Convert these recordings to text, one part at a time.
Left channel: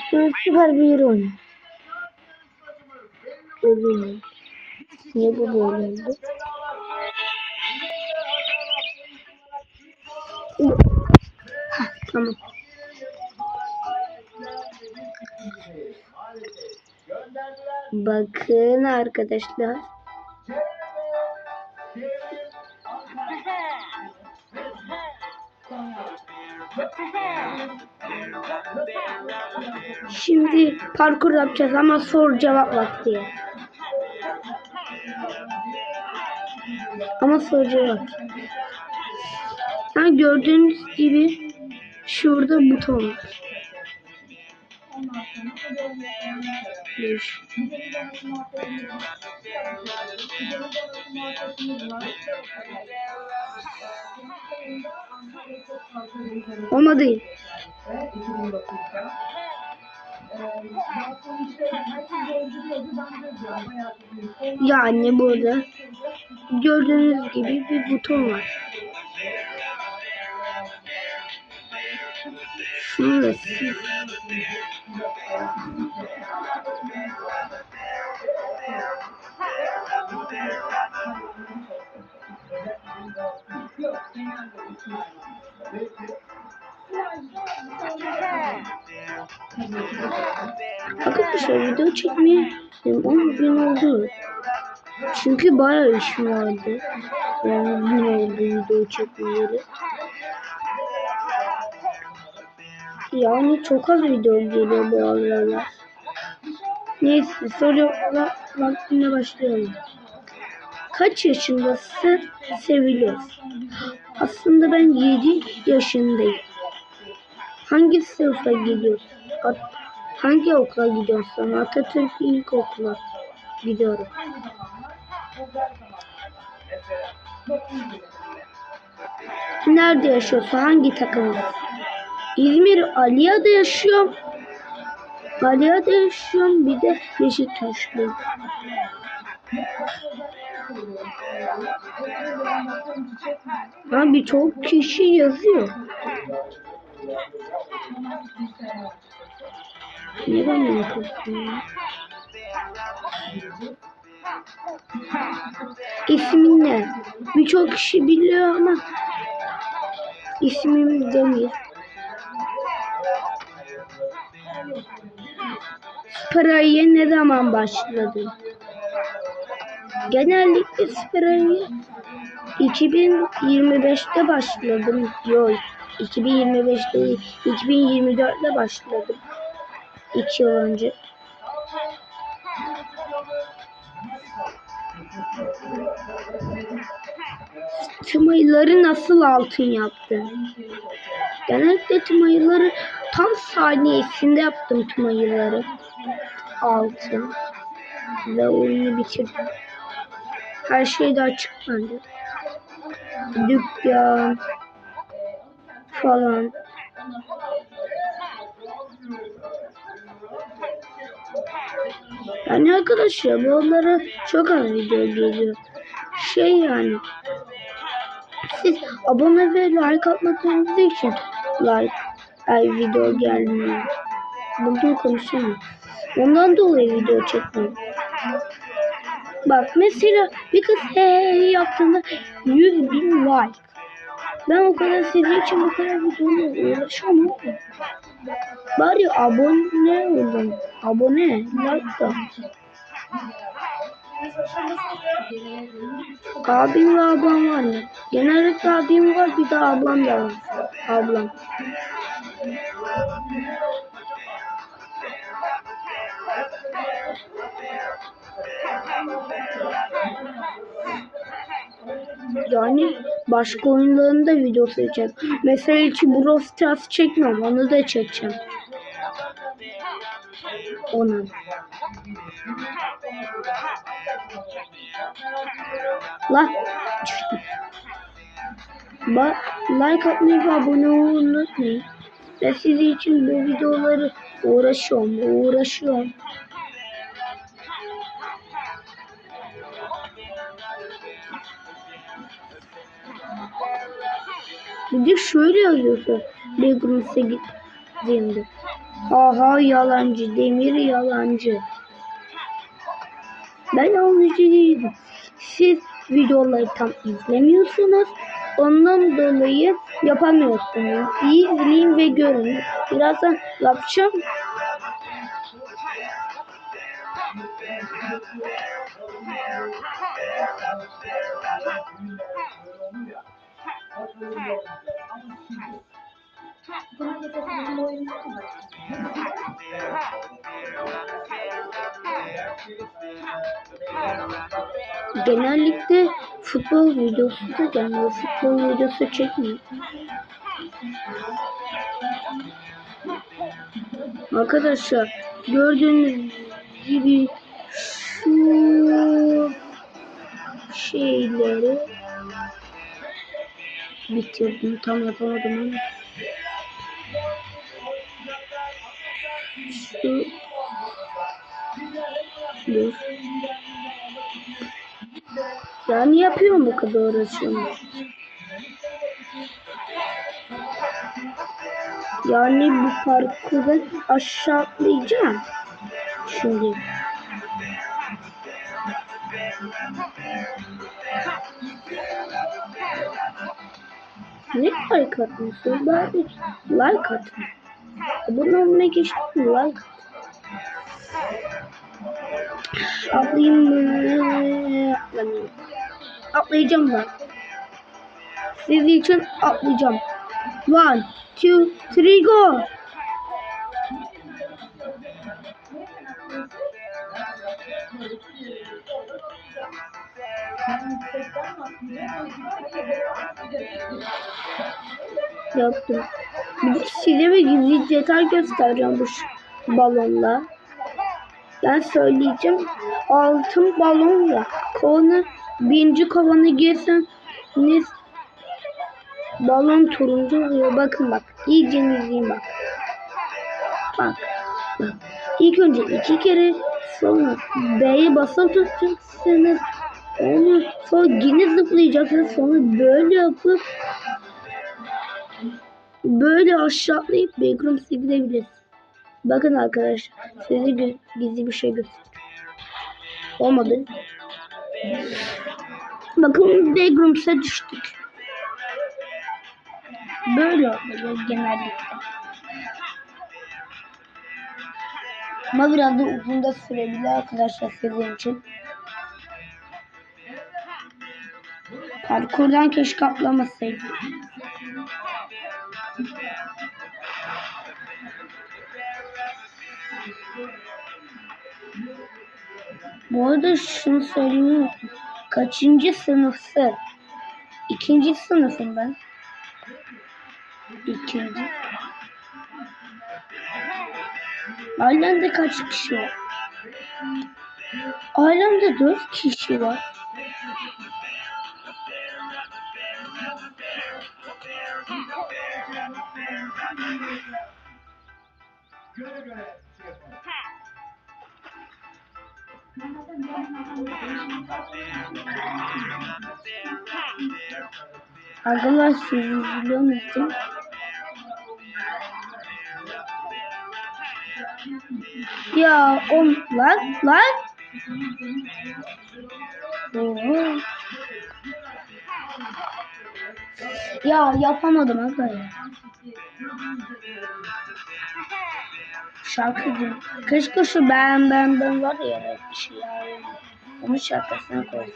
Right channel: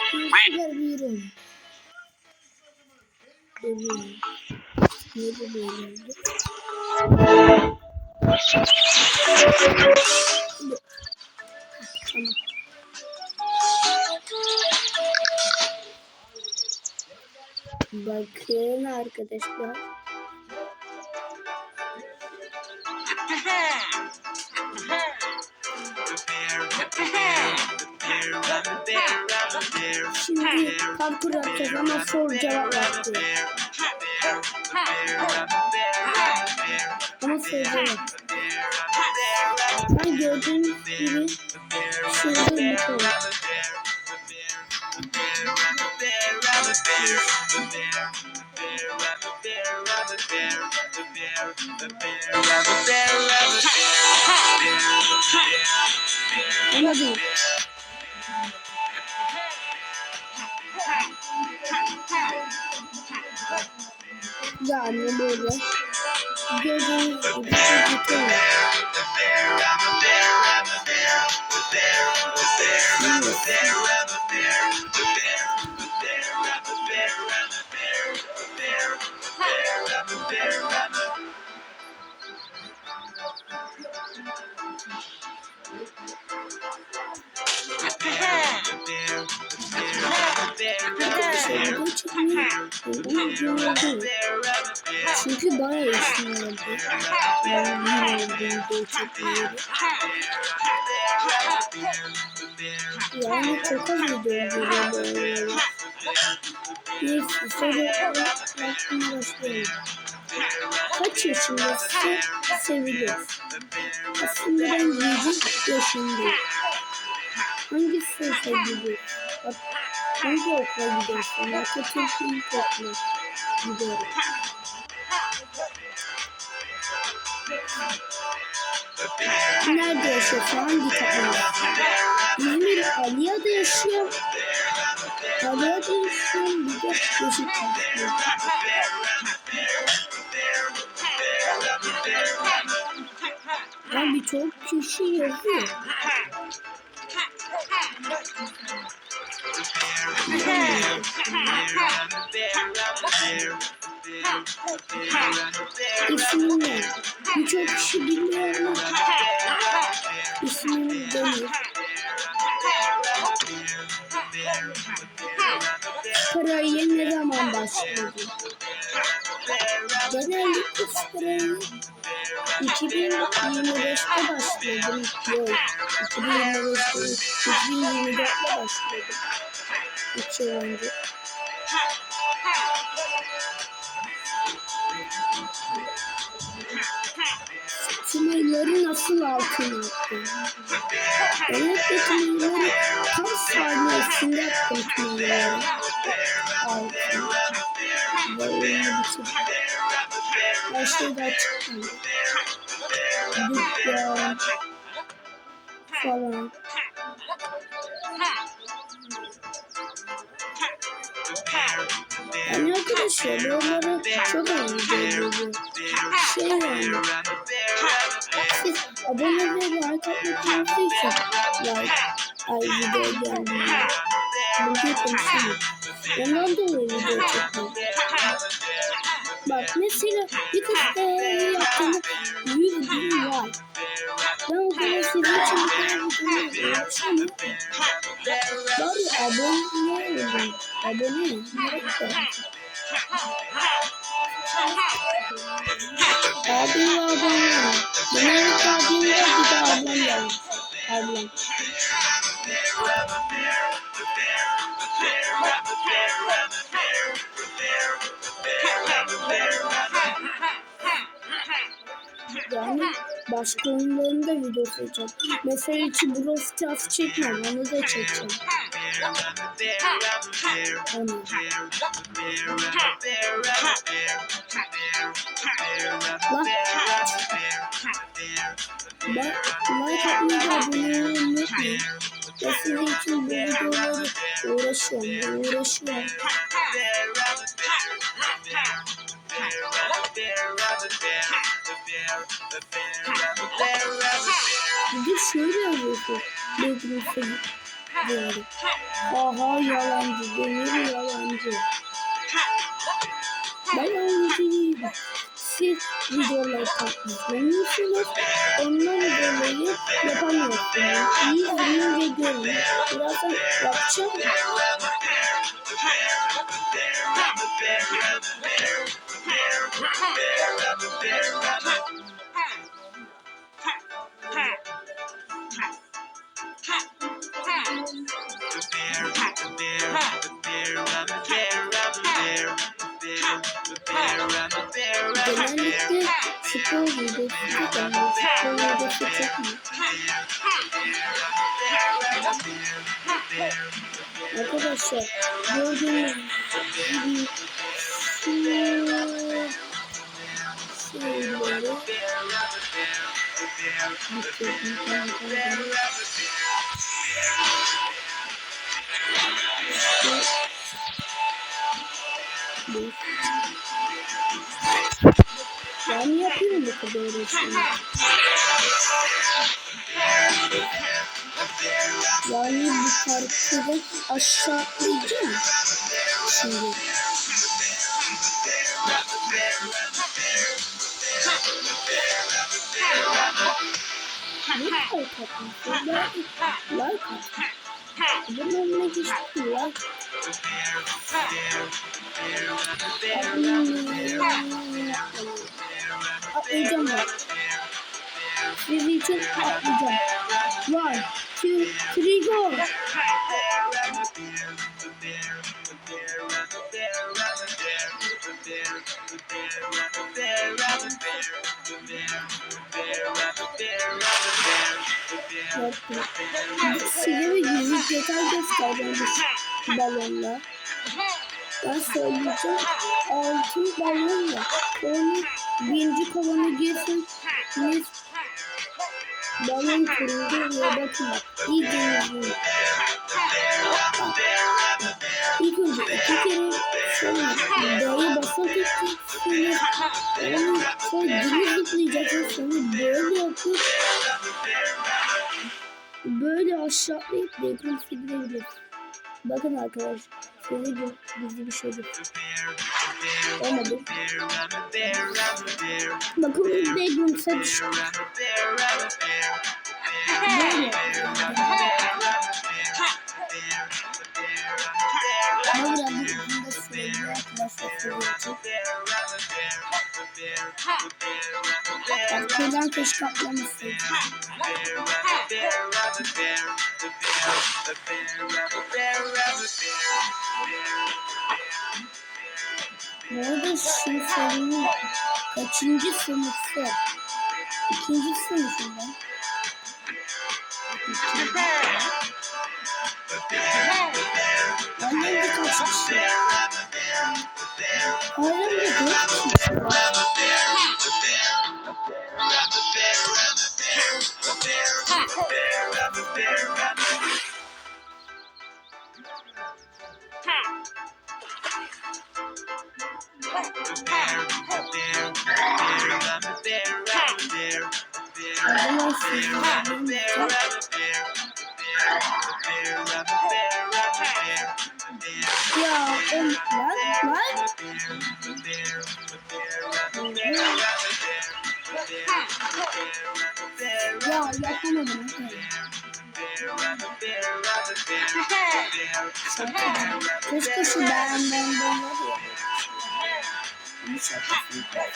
Süper bir yer oynuyor. Görüyorum. Niye bu böyle oldu? Ha, tamam. Bakın arkadaşlar. Şimdi parkur yapacağız ama soru cevap vakti. Ama soru cevap. Ha, gördüğünüz gibi şurada buton. Ona değil. Yani burada gördüğünüz gibi bir buton var. Şurası. Arkadaşlar video çekmeye ama gün oldu. Çünkü bayağı işim vardı. Yani gün oldu video çekmeyeli. Yani çok az video geliyor bu aralar. Neyse sorularla başlayalım. Kaç yaşındasın seviliyor? Aslında ben 7 yaşındayım. Hangi sınıfa gidiyorsun? Hangi okula gidiyorsun? Atatürk İlkokula gidiyorum. Nerede yaşıyorsun? Hangi takım? İzmir Aliya'da yaşıyorum. Aliya'da yaşıyorum. Bir de Beşiktaş'ta. Abi çok kişi yazıyor. Neden yapıyorsun? İsmin ne? Birçok kişi biliyor ama ismim Demir. Parayı ne zaman başladın? Genellikle parayı 2025'te başladım. Yok 2025'te değil, 2024'te başladım. 2 yıl önce. Tüm ayıları nasıl altın yaptın? Genellikle tüm ayıları tam saniyesinde yaptım tüm ayıları. Altın. Ve oyunu bitirdim. Her şey de açıklandı. Dükkan falan. Yani arkadaşlar buralara çok az video geliyor. Şey yani. Siz abone ve like atmadığınız için like her video gelmiyor. Bugün konuşamıyorum. Ondan dolayı video çekmiyorum. Bak mesela bir kız hey yaptığında 100 bin like. Ben o kadar sevdiğim için bu kadar videoyu uğraşamıyorum. Bari abone olun. Abone. Like. Abim ve ablam var mı? Genellikle abim var bir de ablam da var. Ablam. Yani başka oyunların da videosu çekeceğim. Mesela hiç Brawl Stars çekmiyorum. Onu da çekeceğim. Onu. Lan. Ba like atmayı ve abone olmayı unutmayın. Ben sizin için bu videoları uğraşıyorum. Uğraşıyorum. Bir şöyle yazıyordu. Bedroom City. Aha yalancı. Demir yalancı. Ben yalancı değilim. Siz videoları tam izlemiyorsunuz. Ondan dolayı yapamıyorsunuz. İzleyin ve görün. Birazdan yapacağım. Genellikle futbol videosu da gelmiyor. Futbol videosu çekmiyor. Arkadaşlar gördüğünüz gibi şu şeyleri bitirdim tam yapamadım ama bu yani yapıyorum bu kadar uğraşıyorum. Yani bu parkurda aşağı atlayacağım. Şimdi. Like atmışsın? Bari like atın. Abone olmaya geçtim like. Atlayayım mı? Atlayacağım bak. Sizin için atlayacağım. One, two, three, go. Yaptım. Bir size ve gizli detay göstereceğim bu balonla. Ben söyleyeceğim. Altın balonla konu birinci kovanı girseniz balon turuncu oluyor. Bakın bak. İyi izleyin bak. Bak. İlk önce iki kere sonra D'ye basılı tutacaksınız. Onu sonra yine zıplayacaksınız. Sonra böyle yapıp böyle aşağı atlayıp backroom gidebilirsiniz. Bakın arkadaşlar size gö- gizli bir şey göstereyim. Olmadı. Bakın backrooms'a düştük. Böyle yapıyoruz genelde. Ama biraz da uzun da sürebilir arkadaşlar sizin için. Parkurdan keşke atlamasaydım. Bu arada şunu söyleyeyim? Kaçıncı sınıfı? İkinci sınıfım ben. İkinci. Ailemde kaç kişi var? Ailemde dört kişi var. İzliyor musunuz? Ya o lan lan. Ya yapamadım ya. Şarkıcı. Keşke şu ben ben ben var ya. Onun şarkısını ben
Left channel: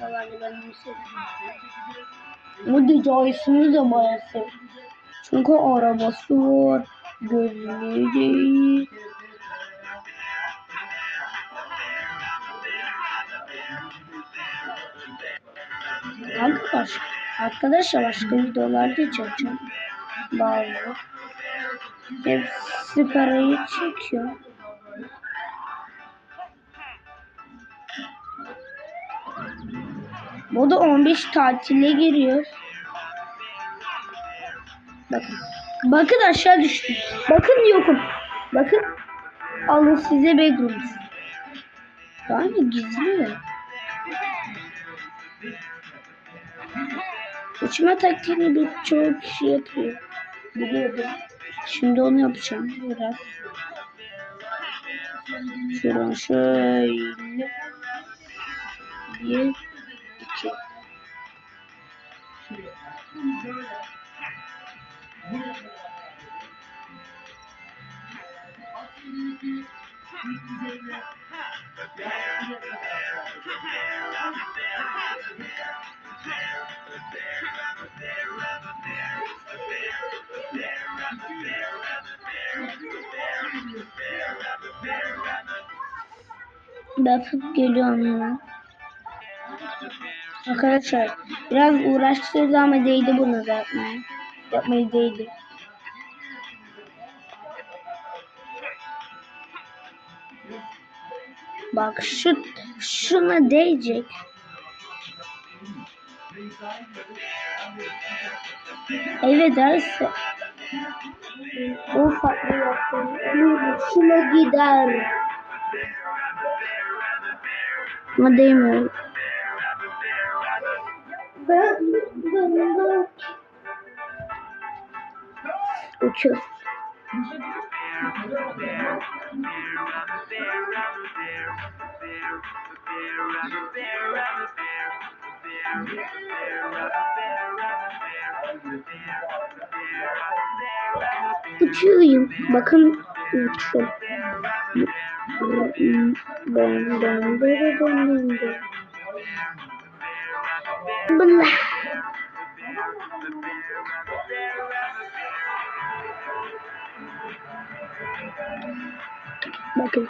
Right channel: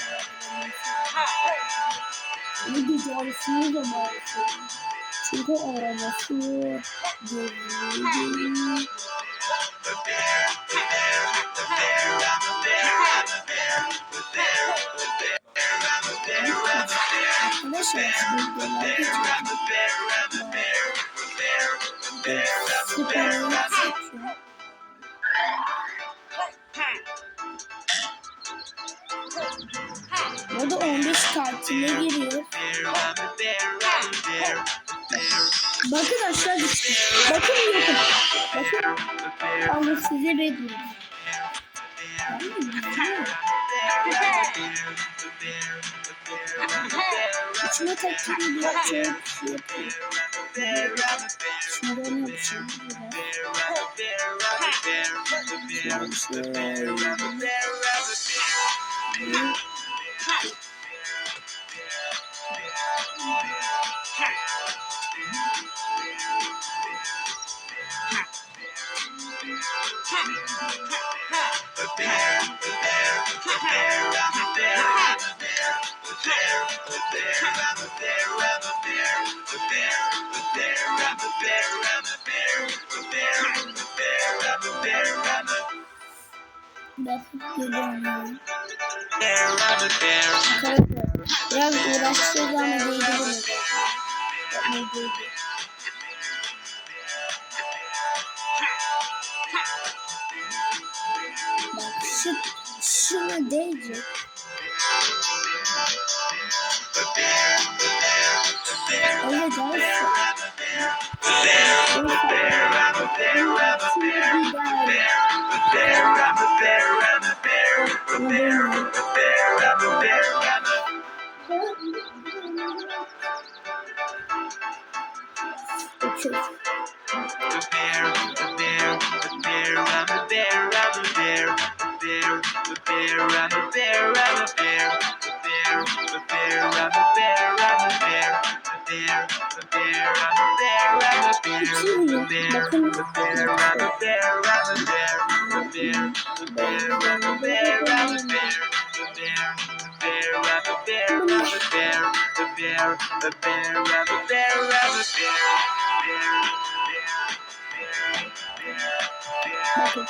Bu hikayesini de bayası. Çünkü arabası var. Gözleri. Arkadaşlar, arkadaşlar başka videolar geçeceğim. Bazı. Hepsi parayı çekiyor. Burada 15 katile giriyor. Bakın. Bakın aşağı düştü. Bakın yokum. Bakın. Allah size bedroom. Daha mı gizliyor? İçime taktiğini bir çoğu kişi yapıyor. Biliyorum. Şimdi onu yapacağım. Biraz. Şuradan şöyle. Bakıp geliyorum ya. Arkadaşlar biraz uğraştırdı ama değdi bunu yapmaya. Yapmayı değdi. Bak şu şuna değecek. Öyle derse. O farklı yaptığını gider. Ama demiyorum. Uçur. yakın Blah. Bakın.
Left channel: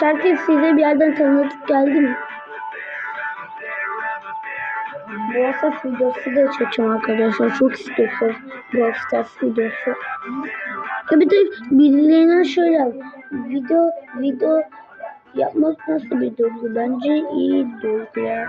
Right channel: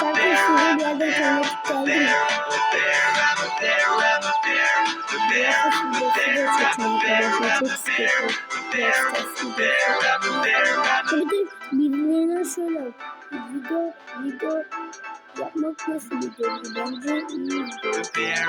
Şarkı istediğim bir yerden tanıdık geldi mi? Biraz da şu dostu da çekeceğim arkadaşlar. Çok istiyorum. Biraz tatlı dostu. Tabi de birilerinden şöyle video video yapmak nasıl bir duygu? Bence iyi bir duygu. Yeah.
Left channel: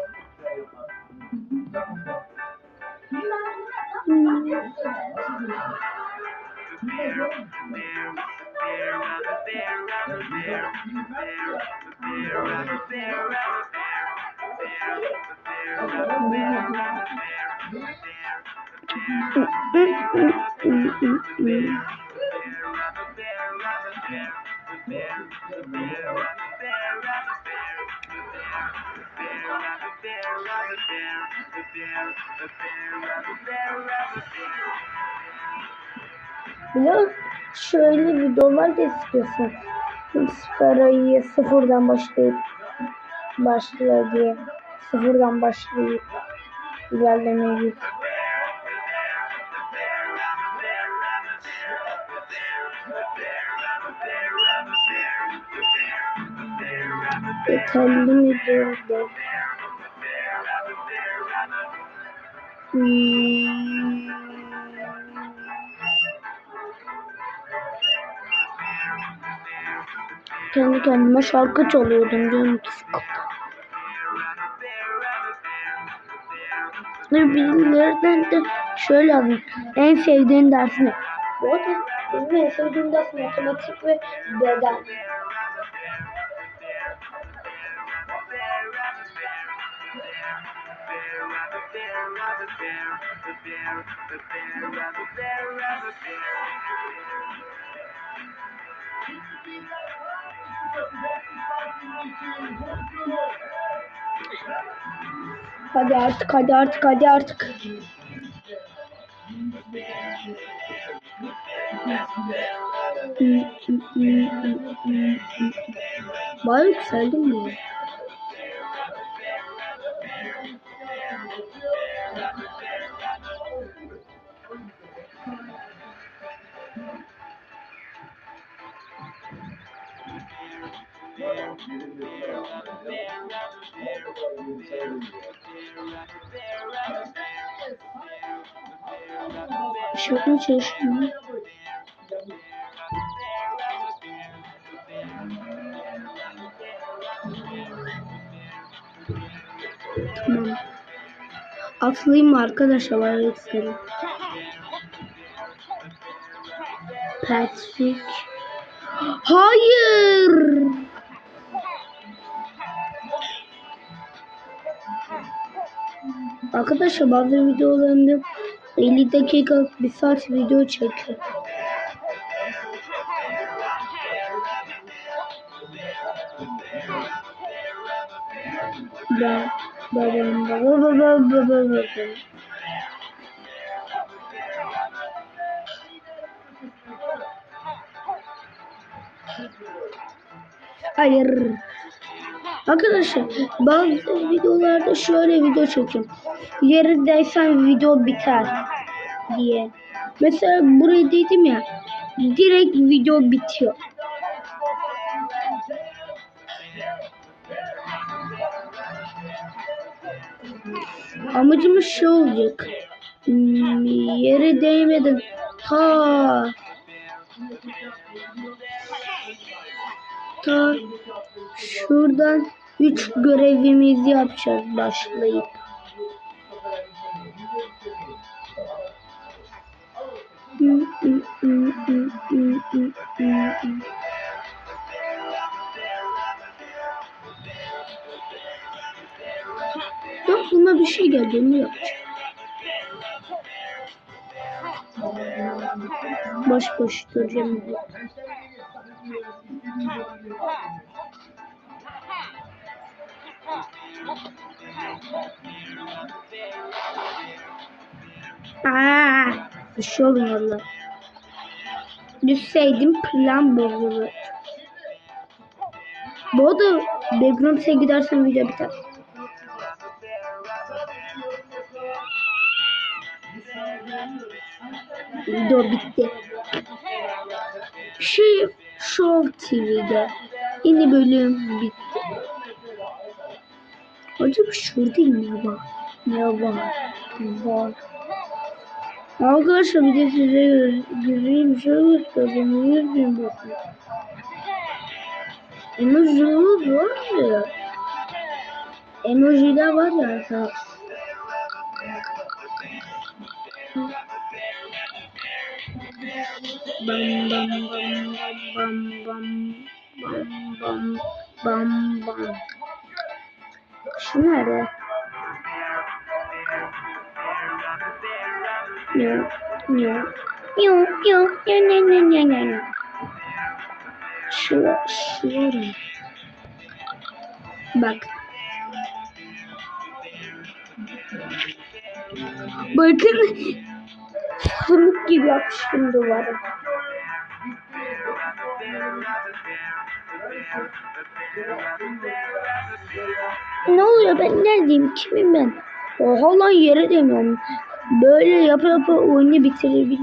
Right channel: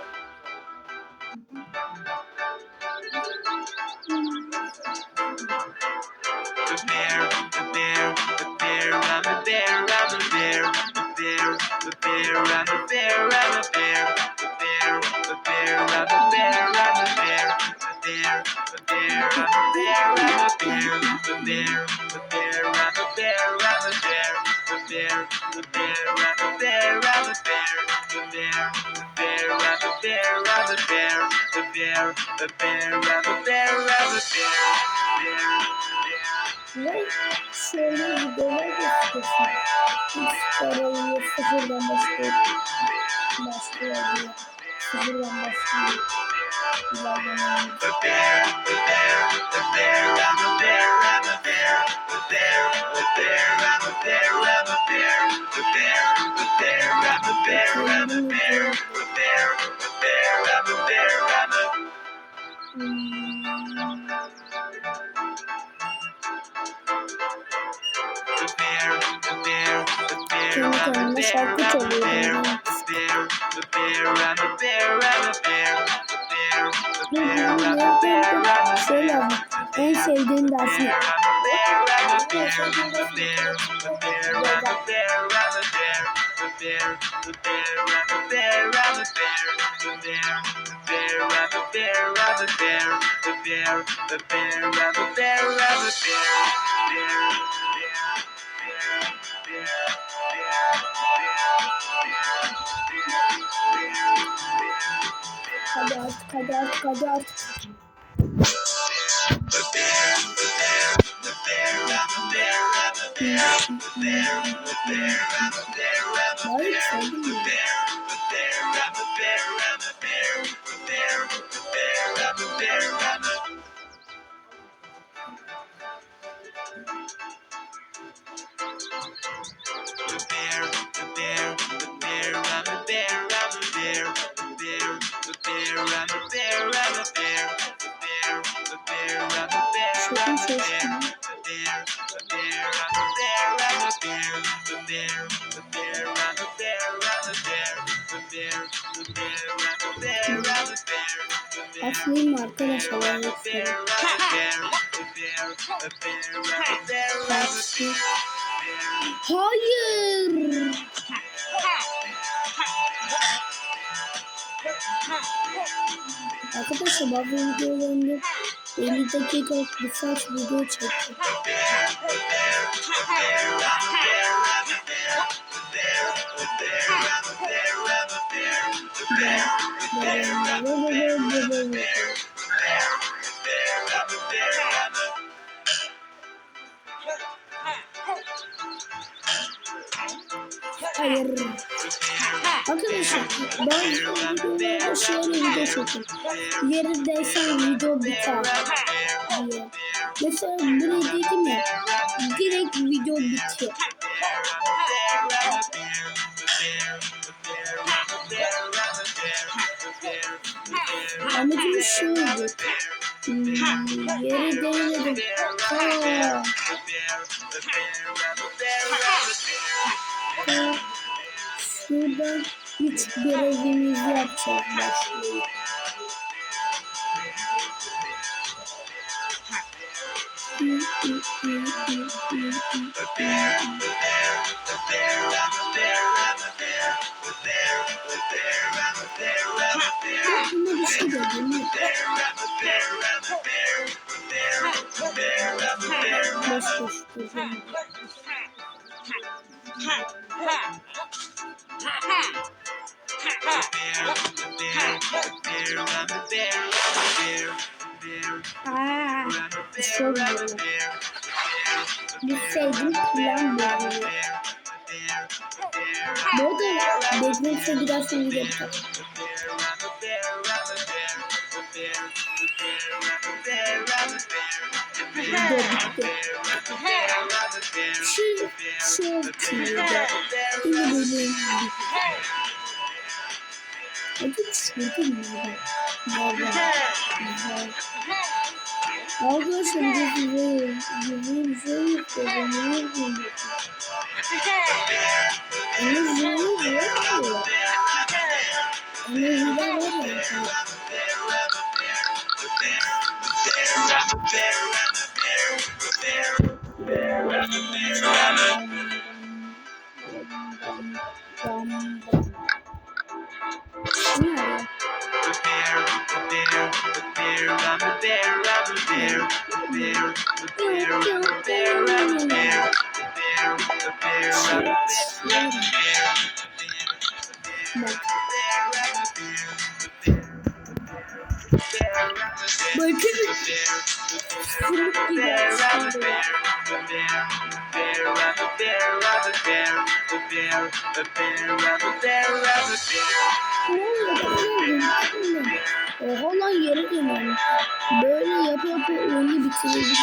The bear, the bear, the bear, I'm a bear, I'm a bear, the bear, the bear, I'm a bear, I'm a bear, the bear, the bear, I'm a bear, I'm a bear, the bear, the bear, I'm a bear, I'm a bear, the bear, the Buna şöyle videolar geçiyorsun. Çünkü parayı sıfırdan başlayıp başlıyor diye. Sıfırdan başlayıp ilerlemeye gidiyor. Yeterli mi böyle? Hmm. Kendi kendime şarkı çalıyordum. Ve bunları ben de şöyle anlatayım. En sevdiğim ders ne? Benim en sevdiğim ders matematik ve beden bear, the bear, rabbit bear, rabbit bear, the bear, bear, rabbit bear, rabbit bear, the bear, the bear, rabbit bear, rabbit bear, bear, bear, bear. Hadi artık, hadi artık, hadi artık. Bari yükseldim mi? Çok iyi çalıştım. Atlayayım mı arkadaşlar? Ayakları. Taksi. Hayır. Arkadaşlar bazı videolarımda 50 dakika bir saat video çekiyor. Hayır. Arkadaşlar bazı videolarda şöyle video çekiyorum. Yerindeysen video biter diye. Mesela buraya dedim ya direkt video bitiyor. Amacımız şey olacak. Hmm, yere değmedim. Ha. Ha. Şuradan üç görevimizi yapacağız başlayıp. Yok buna bir şey de demiyor. Boş boş duracağım diye. Aa, bir şey olmuyor valla. Düşseydim plan bozulur. Bu arada Backrooms'e gidersen video biter. Video bitti. Şey, Show TV'de yeni bölüm bitti. Acaba şu değil mi ya? Ya var. Var. Arkadaşlar bir de size güzel bir şey gösterdim. Niye bilmiyorsunuz? Emojiler var ya. Emojiler var ya arkadaşlar. bam bam. Nerede? Yok yok. Bitirebilirim.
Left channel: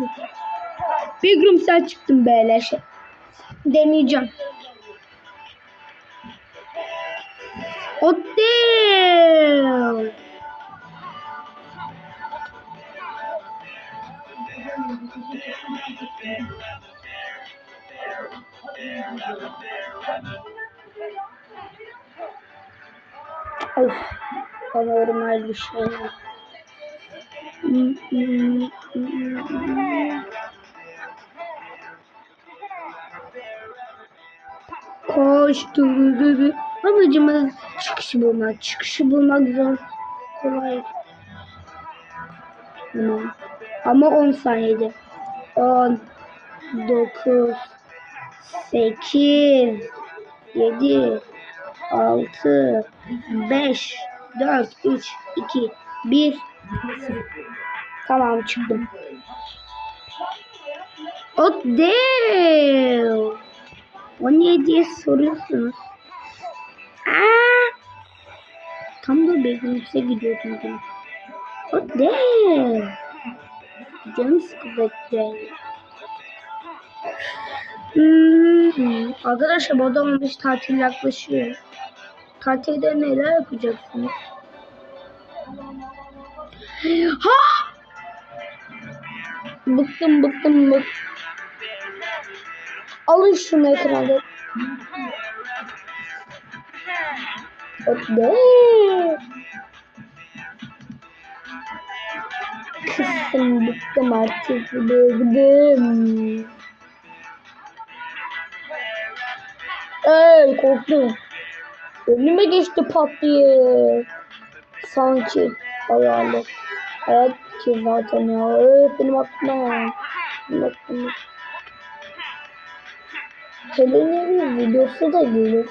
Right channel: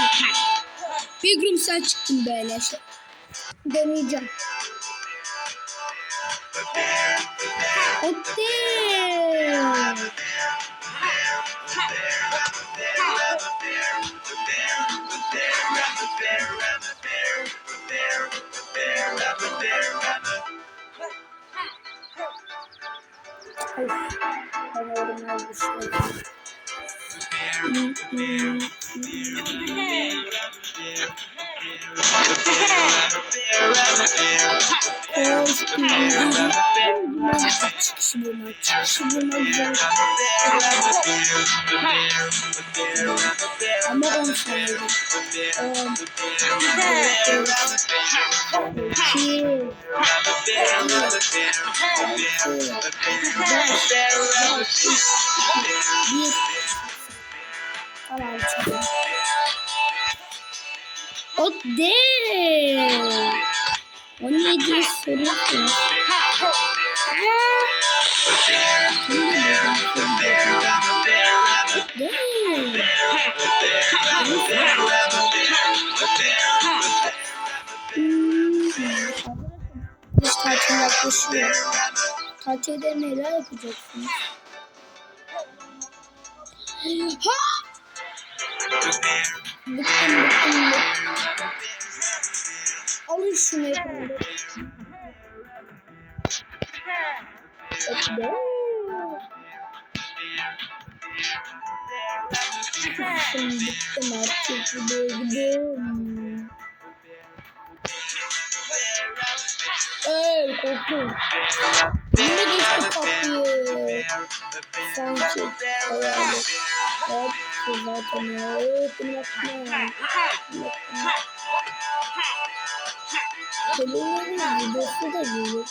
Big Room sen çıktın böyle şey. Deneyeceğim. Hotel. Of, anormal bir şey. Koş kızım. Babacım ben çıkışı bulmak, çıkışı bulmak zor. Tamam. Ama 10 saniyede. 10 9 8 7 6 5 4 3 2 1 Tamam çıktım. Oh damn. O niye diye soruyorsunuz. Aa. Tam da bezimse gidiyordum. Oh damn. Beni sıkıntı. Hmm. Arkadaşlar bu adamın biz tatil yaklaşıyor. Tatilde neler yapacaksınız? Ha! Bıktım bıktım bıktım. Alın şunu ekranda. Hadi. Kızım bıktım artık. Bıktım. Ey korktum. Önüme geçti pat diye. Sanki hayalet. Hayat ki zaten ya. Öf benim aklıma ya. Benim aklıma. Televizyonun videosu da gelir.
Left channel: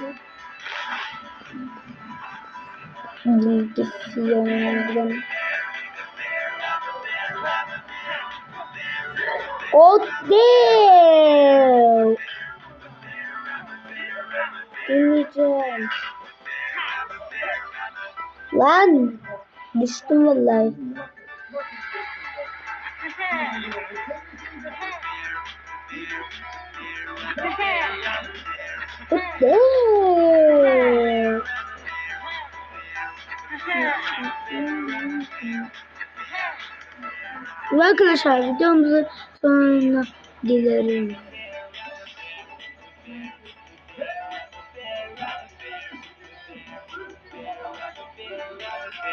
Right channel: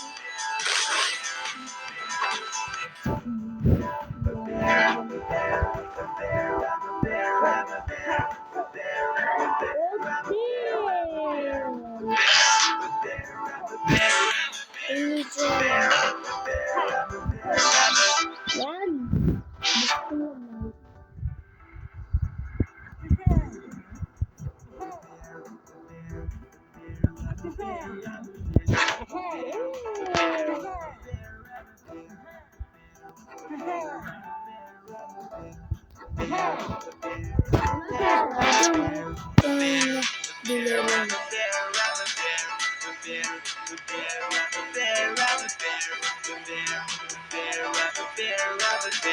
Gidip yanlardan. O değil. Yiyeceğim. Lan. Bıktım vallahi. Ve arkadaşlar videomuzu sonuna geliyorum.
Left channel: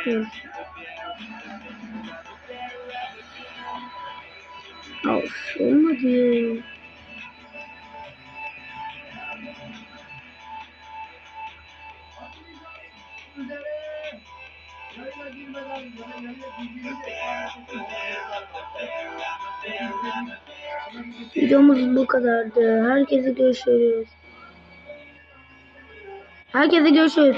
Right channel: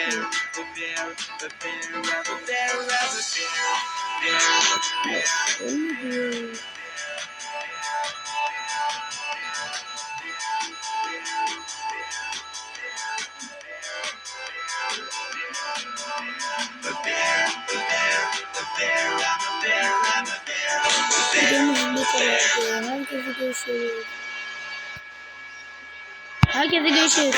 Hı. Ay, olmadı. Videomuz bu kadardı. Herkese görüşürüz. Herkese görüşürüz.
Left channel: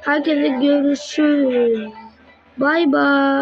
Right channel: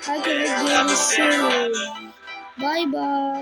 Herkese görüşürüz. Bay bay.